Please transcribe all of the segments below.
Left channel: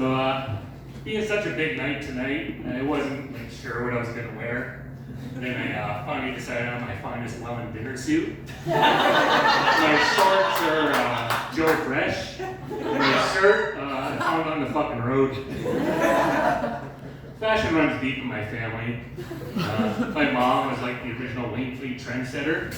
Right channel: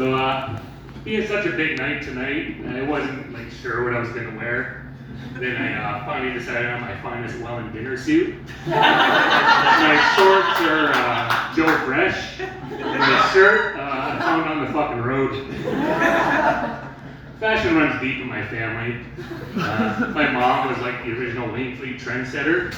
So, being such a big night tonight, I wasn't like sure what I was gonna wear. Then I finally decided on my finest Welland dinner suit. My shorts are Joe Fresh, and my shirt I found on the fucking road. Fashion runs deep in my family. My mom was like the original Wayne Fleet trendsetter.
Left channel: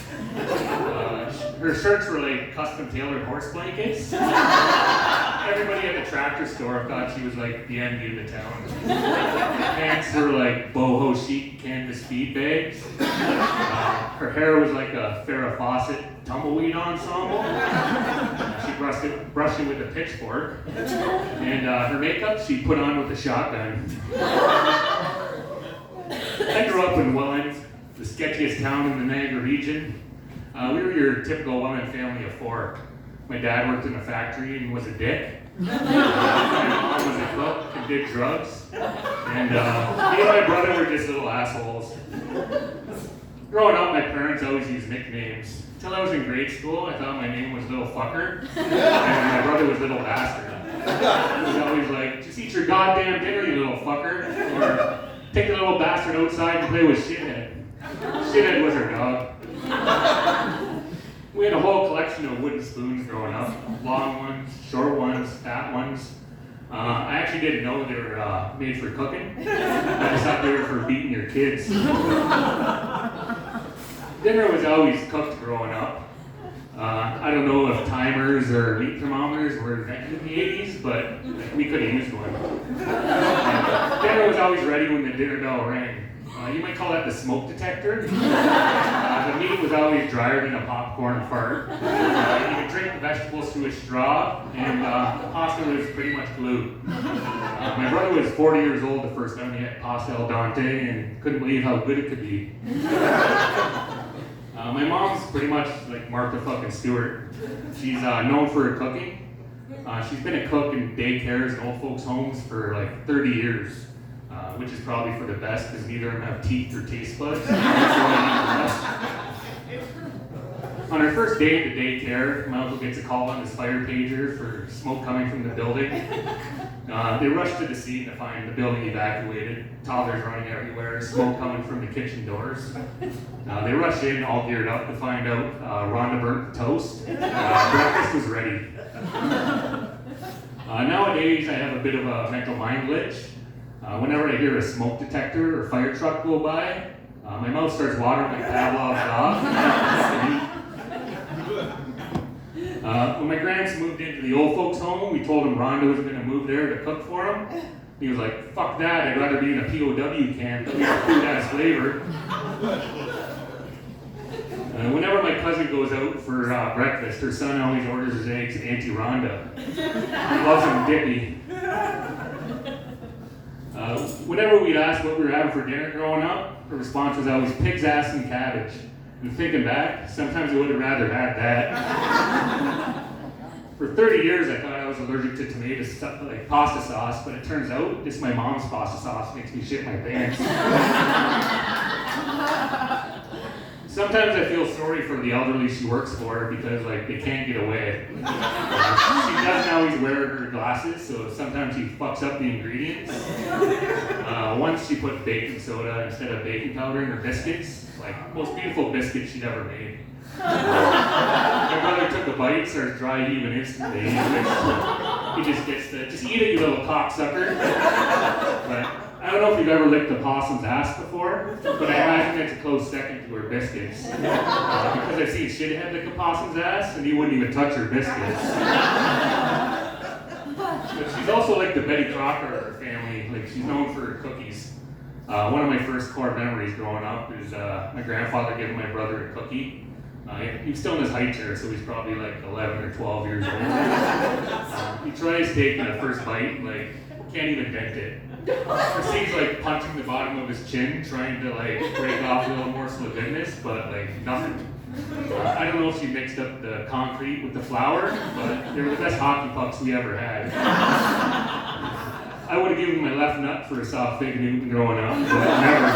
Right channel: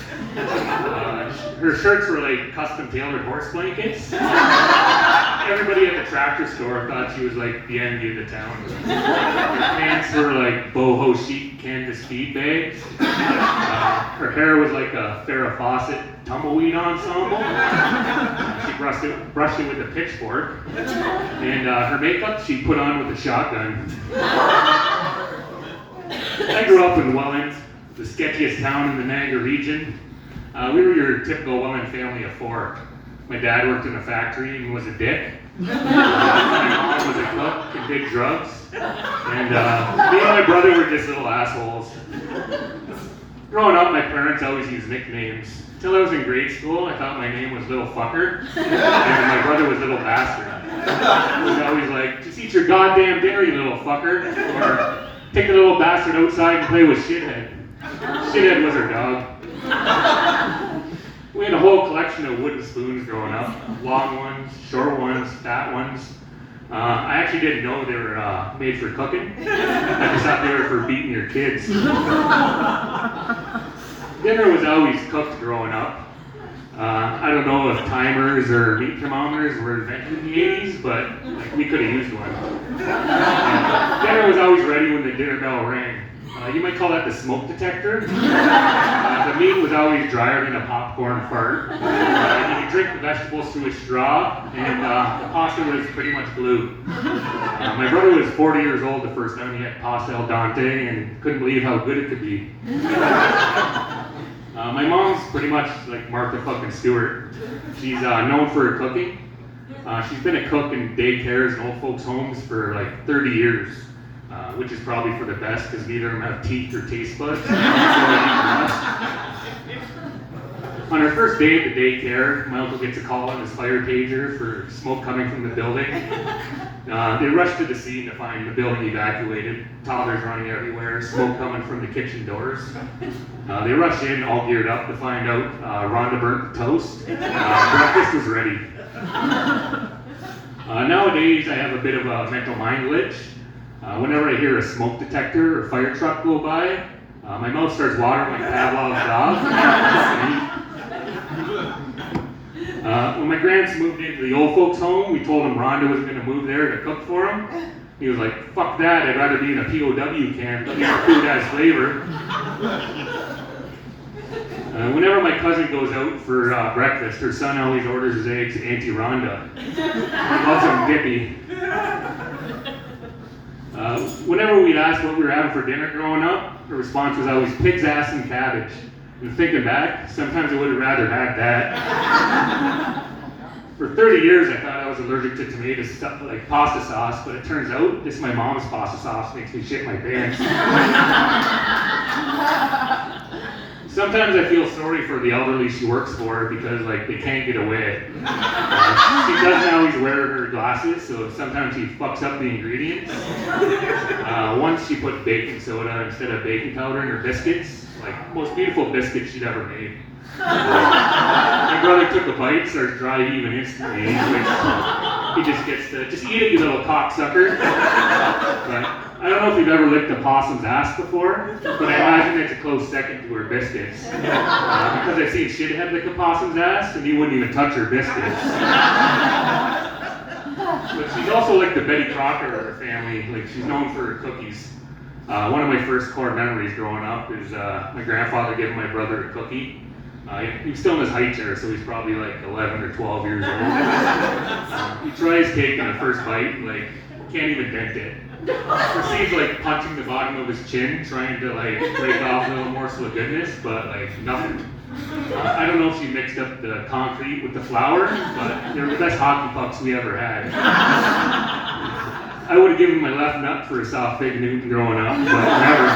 Her shirts were like custom tailored horse blankets. Everybody at the tractor store thought she was like the envy of the town. Her pants were like boho chic canvas feed bags. Her hair was like a Farrah Fawcett tumbleweed ensemble. She brushed it with a pitchfork. And her makeup she put on with a shotgun. I grew up in Welland, the sketchiest town in the Niagara region. We were your typical Welland family of four. My dad worked in a factory and was a dick. My mom was a cook and did drugs. And me and my brother were just little assholes. Growing up, my parents always used nicknames. Until I was in grade school, I thought my name was Little Fucker, and my brother was Little Bastard. He was always like, just eat your goddamn dinner, you little fucker, or take the little bastard outside and play with Shithead. Shithead was our dog. We had a whole collection of wooden spoons growing up. Long ones, short ones, fat ones. I actually didn't know they were made for cooking. I just thought they were for beating your kids. Dinner was always cooked growing up. I don't know if timers or meat thermometers were invented in the 80s, but like, we could have used one. Dinner was always ready when the dinner bell rang. You might call that the smoke detector. The meat was always drier than a popcorn fart. You could drink the vegetables through a straw, and the pasta was pretty much glue. My brother was 40 years old the first time he had pasta al dente and couldn't believe how good it could be. My mom's pretty much like Martha fucking Stewart. She's known for her cooking. She's been a cook in daycares and old folks' homes for like 30 years. Which is probably for the best because neither of them have teeth or taste buds. On our first day at the daycare, my uncle gets a call on his fire pager for smoke coming from the building. They rush to the scene to find the building evacuated, toddlers running everywhere, smoke coming from the kitchen doors. They rush in all geared up to find out Rhonda burnt the toast. Breakfast was ready. Nowadays, I have a bit of a mental mind glitch. Whenever I hear a smoke detector or fire truck go by, my mouth starts watering like Pavlov's dog. When my grands moved into the old folks' home, we told him Rhonda wasn't going to move there to cook for him. He was like, fuck that, I'd rather be in a POW camp, but your food has flavor. Whenever my cousin goes out for breakfast, her son always orders his eggs Auntie Rhonda. He loves them dippy. Whenever we'd ask what we were having for dinner growing up, the response was always pig's ass and cabbage. And thinking back, sometimes I would have rather had that. For 30 years, I thought I was allergic to tomato stuff like pasta sauce, but it turns out just my mom's pasta sauce makes me shit my pants. Sometimes I feel sorry for the elderly she works for because like they can't get away. She doesn't always wear her glasses, so sometimes she fucks up the ingredients. Once she put baking soda instead of baking powder in her biscuits, like most beautiful biscuits she'd ever made. My brother took a bite, starts dry heaving instantly. He just gets to, just eat it, you little cocksucker. But I don't know if you've ever licked a possum's ass before, but I imagine it's a close second to her biscuits. Because I've seen Shithead lick a possum's ass, and he wouldn't even touch her biscuits. But she's also like the Betty Crocker of her family. Like she's known for her cookies. One of my first core memories growing up is my grandfather giving my brother a cookie. He was still in his high chair, so he's probably like 11 or 12 years old. He tries taking the first bite, like can't even dent it. Proceeds like punching the bottom of his chin, trying to like break off a little morsel of goodness, but like nothing. I don't know if she mixed up the concrete with the flour, but they were the best hockey pucks we ever had. I would have given my left nut for a soft fig Newton growing up, but never.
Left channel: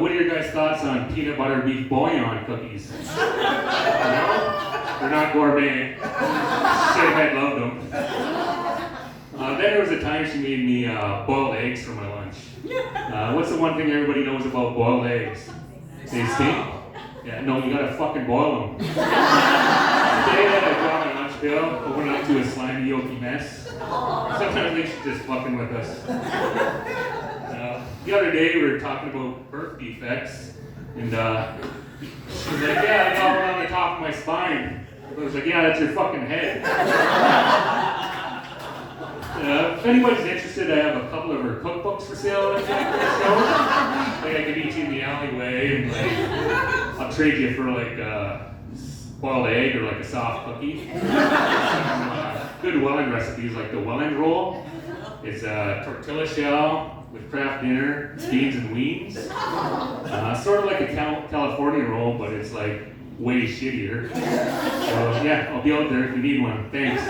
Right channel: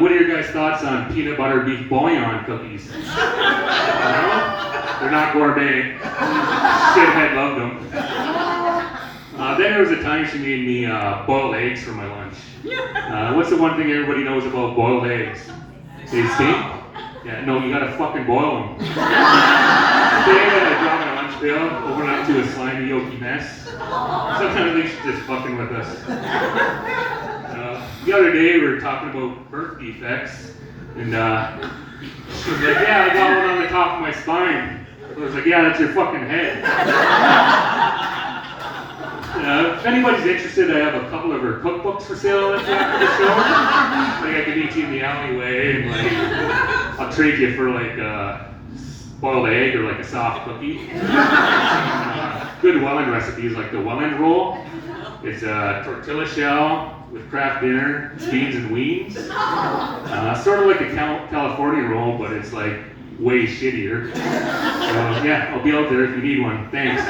What are your guys' thoughts on peanut butter beef bouillon cookies? No? They're not gourmet. Shithead loved them. Then there was a time she made me boiled eggs for my lunch. What's the one thing everybody knows about boiled eggs? They stink? Yeah, no, you gotta fucking boil them. Today I dropped my lunch bill, opened up to a slimy, yolky mess. Sometimes I think she's just fucking with us. The other day we were talking about birth defects, and she was like, yeah, I got one on the top of my spine. I was like, yeah, that's your fucking head. If anybody's interested, I have a couple of her cookbooks for sale that's after the show. Like I could meet you in the alleyway, and like I'll trade you for like a boiled egg or like a soft cookie. Good Welland recipes like the Welland roll. It's a tortilla shell with Kraft dinner, beans and weens. Sort of like a California roll, but it's like way shittier. So yeah, I'll be out there if you need one. Thanks.